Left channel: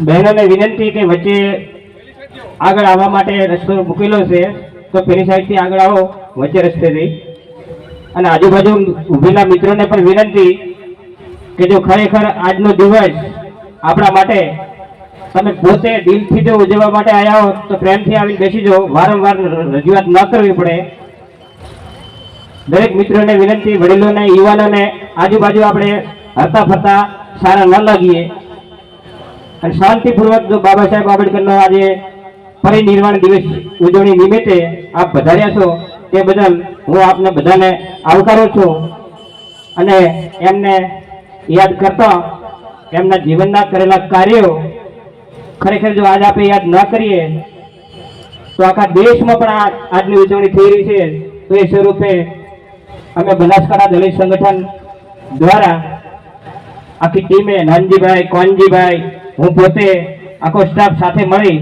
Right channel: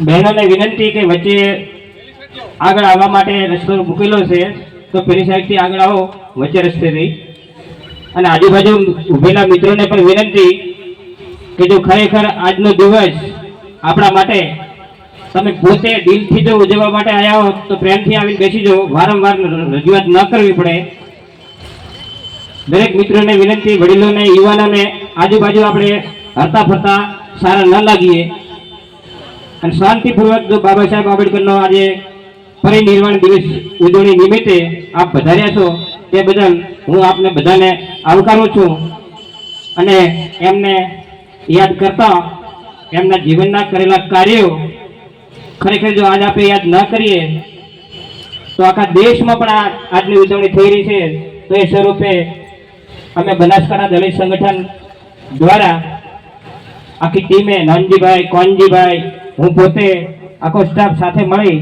બહેનોને વિનંતી કે વચ્ચે આગળ આવવા માટે રસ્તો મૂકેલો છે, તો પેલી સાઈડથી આગળ આવો, વચ્ચે રસ્તેથી. અને આજુબાજુ ઊભેલા મિત્રોને પણ વિનંતી કે જો ખરેખર આજનો દિવસ આપણા માટે, તમે પોતે દિલથી જો ઉજવવા માટે આવ્યા હો તો પ્રેમથી આવીને બેસી જાઓ. વારંવાર રજૂઆત ન કરવી પડે. દરેક મિત્રોને વિનંતી, વડીલોને, યુવાનોને આજુબાજુ આપણે હરતા ફરતા સારા ન લાગીએ. અને શાંતિપૂર્વક બાબા સાહેબ આંબેડકરનો આજે પરિનિર્વાણ દિવસ ઉજવણી નિમિત્તે આપ વધાર્યા છો, તે બદલ હું આપને બધાને આવકારું છું. અને એમને યાદ કરતા એમના જીવનના કરેલા કાર્યો ખરેખર જો આજ આપણે યાદ ન કરીએ, તો આખા દેશમાં પણ આજની ઉજવણી થઈ રહી છે. તો એ સ્વરૂપે અમે બનાસકાંઠા દલિત સંગઠન દ્વારા આખી ટીમે નાનજીભાઈ, કોનજીભાઈ, હું પોતે આખો સ્ટાફ સાથે મળી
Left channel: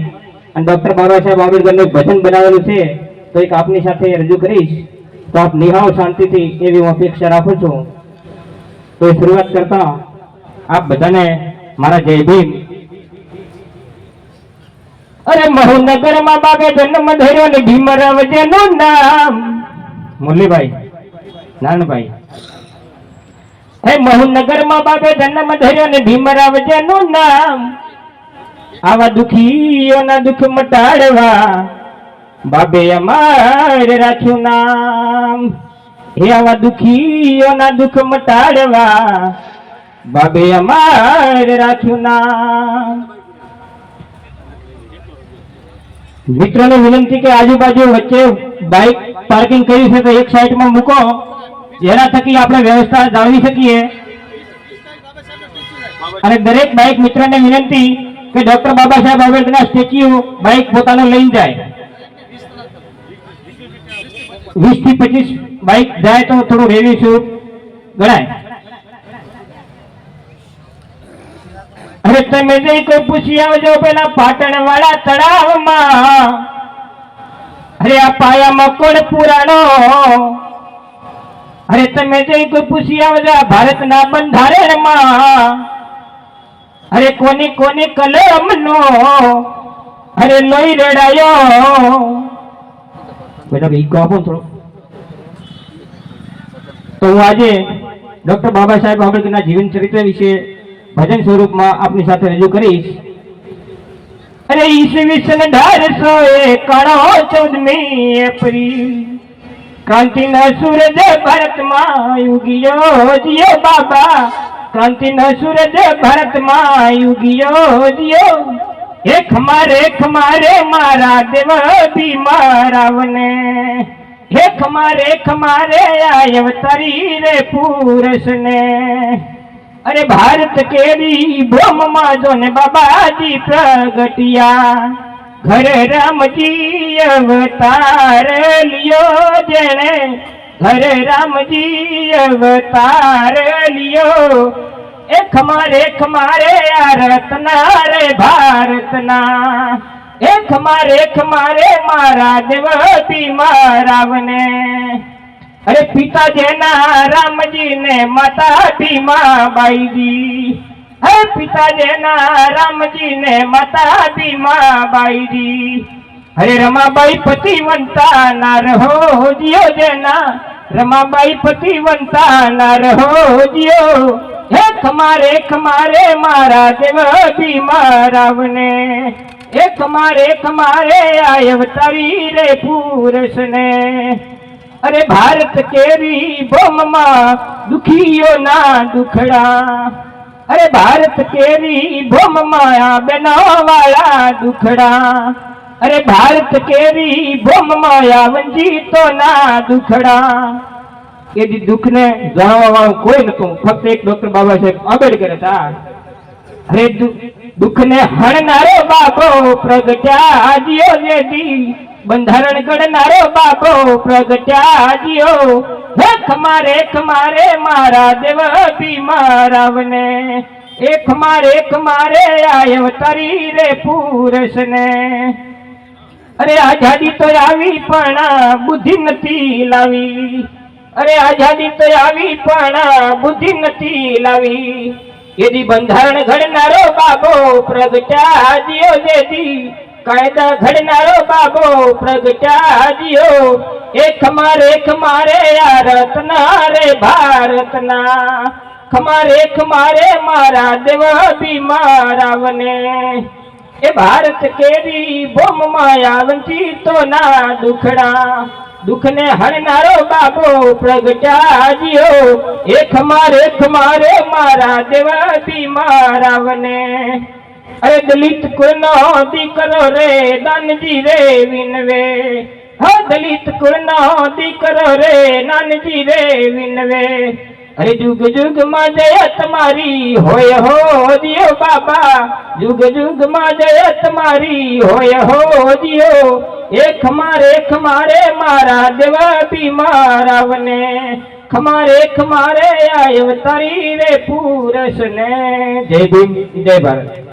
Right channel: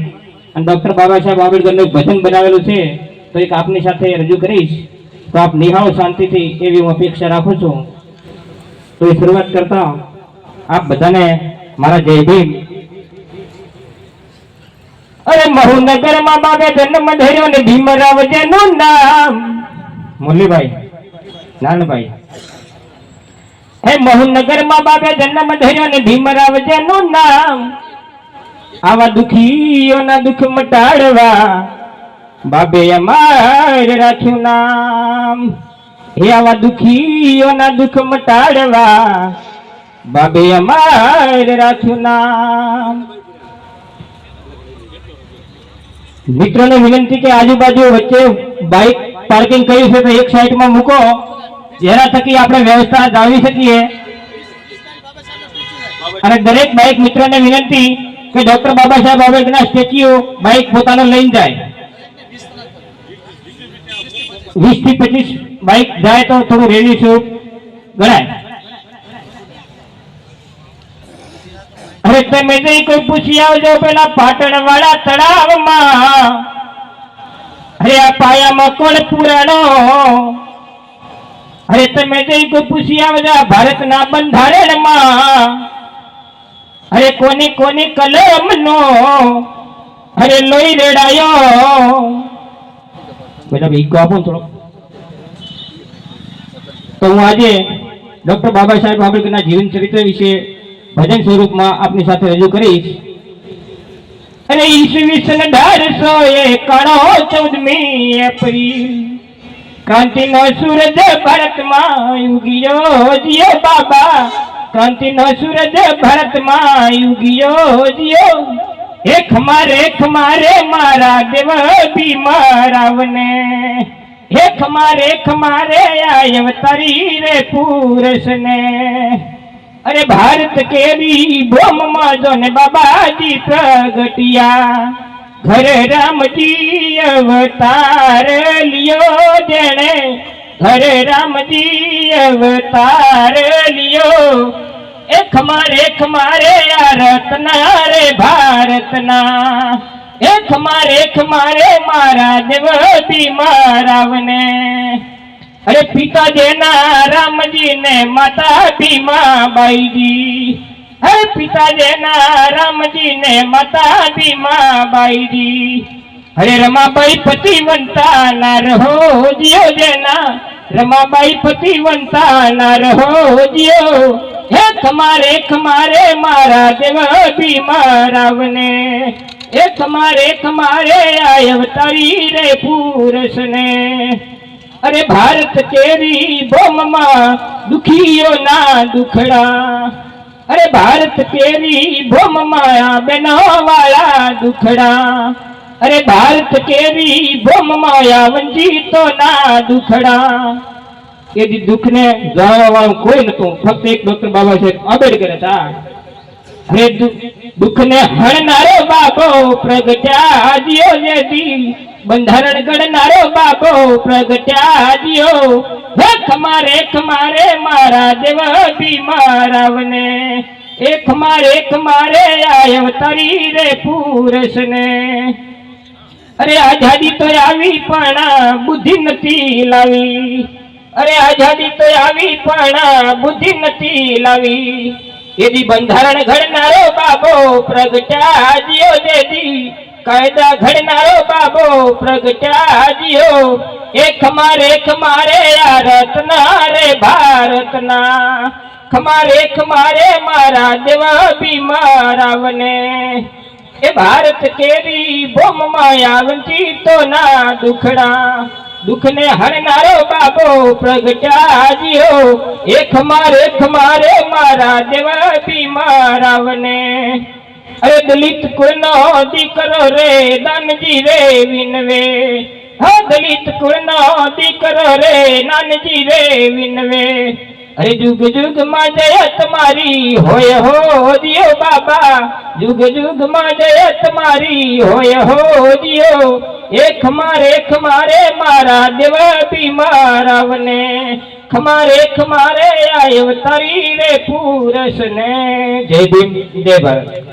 અને ડૉક્ટર બાબા સાહેબ આંબેડકરનું ભજન બનાવેલું છે, તો એક આપની સાથે રજૂ કરીશ. તો આપ નિહાળો શાંતિથી, એવી હું અપેક્ષા રાખું છું. તો શરૂઆત કરતા આપ બધાને મારા જય ભીમ. અરે મહુનગરમાં બાબે જન્મ ધર્યો ને ભીમરાવ જેનું નામ. મુરલીભાઈ, નાનભાઈ હે મહુનગરમાં બાપે જન્મ ધર્યો ને ભીમરાવ જેનું નામ આવા દુખીઓના દુઃખ મટાડવા બાબે અમાર રાખ્યું નામ. હે આવા દુખીઓના દુઃખ મટાડવા બાબે અમાર રાખ્યું નામ. મિત્રોને વિનંતી કે આજુબાજુ વચ્ચે બાઇક પાર્કિંગ કર્યું છે તો એક સાઈડમાં મૂકો. જેના થકી આપણે વ્યવસ્થા જાળવી શકીએ. અને દરેક બાઇક મિત્રને વિનંતી કે doctor Baba Saheb આંબેડકરના statue bike પોતાનું લઈને જાય. વીસથી પચીસ બાઇક જાય તો થોડું રેલી શું ગણાય. અરે તમે જઈ કોઈ પૂછી આવજો પેલા પાટણ વાળા તળાવમાં. અરે આ પાયામાં કોણ પુરાણો? અરે તમે જઈ કોઈ પૂછી આવજો. આ ભારતના બંધારણમાં અરે કોની કોની કલમનો અરે લોહી રેડાયો. થોડો. તો હું આજે ડોક્ટર બાબા સાહેબ આંબેડકરના જીવન ચરિત્ર વિશે ભજન સ્વરૂપમાં આપની સાથે રજૂ કરીશ. અને ઈસવીસન અઢારસો એકાણો ચૌદમી એપ્રિલ ક્રાંતિનો સૂરજ ભારતમાં યુગીયો જીયો બાબા. ક્રાંતિનો સૂરજ ભારતમાં યુગીયો જીયો હે ખમારે ખમારે મારા દેવ બીમારાવને હે ખમારે ખમારે આયવ તારી રે પુરુષને અરે ભારત કેરી બોમમાં જો ને બાબાજી પ્રગટિયા. ઘરે રામજી અવતાર લ્યો જેણે. ઘરે રામજી અવતાર લ્યો. એ ખમારે ખમારે આ રત્ના રે ભારતના એ ખમારે ખમારે મારા દેવ બીમારાવને અરે પિતા જેના રામજી ને માતા ભીમા બાઈજી. હે પિતા જેના રામજી ને માતા ભીમા બાઈજી. હરે રમાબાઈ પતિવંતા ના રહો જીઓ જેના રમાબાઈ પતિવંતા ના રહો જીઓ હે ખમારે ખમારે મારા દેવ ભીમારાવને એ ખમારે ખમારે આયવ તારી રે પુરુષને. અરે ભારત કેરી બોમમાં દુખીઓના દુખડા. અરે ભારત કેરી ભોમ માયા બનાવાળા દુખડા. અરે ભારત કેરી બોમમાં ના દુખડા. એ દી દુઃખને જાણવા વાળું કોઈ નતું ફક્ત એક ડોક્ટર બાબા સાહેબ આંબેડકર હતા. અરે દુઃખને હણનારો બાપો પ્રગટ્યા આજીઓ જે દી બંધારણ ઘડનારો બાબો પ્રગટ્યા દિયો હે ખમારે ખમારે મારા દેવ બીમારાવને એ ખમારે ખમારે આયો તરી રે પુરુષને. અરે આઝાદી તો આવી પણ બુદ્ધિ નથી લાવી. અરે આઝાદી તો આવી પણ બુદ્ધિ નથી લાવી. એદી બંધારણ ઘડનારો બાબો પ્રગટાજ્યો જેદી કાયદા ઘડનારો બાબો પ્રગટાજ્યો એક મારે ખમારે આ રત્ના રે ભારતના. ખમારે ખમારે મારા દેવા બી મારાવને. એ ભારત કેવી બોમ માયા વંચિતો ના દુખડા. દુખને હણનારો બાબો પ્રગટાજ્યો એ ખમારે ખમારે મારા દેવા બી મારાવને. અરે દલિત કુળનો દીકરો રે દાનજી રે વિનવે. હા દલિત કુળનો દીકરો રે, નાનજી રે વિનવે. અરે જુગ જુગમાં જય તમારી હોય હો દિયો બાબા. જુગ જુગમાં જય તમારી હોય હો દિયો. એક મારે ખમારે મારા દેવા બી મારાવને ખમારે ખમારે આય તારી રે પૂરસ ને જય ભીમ, જય ભારત.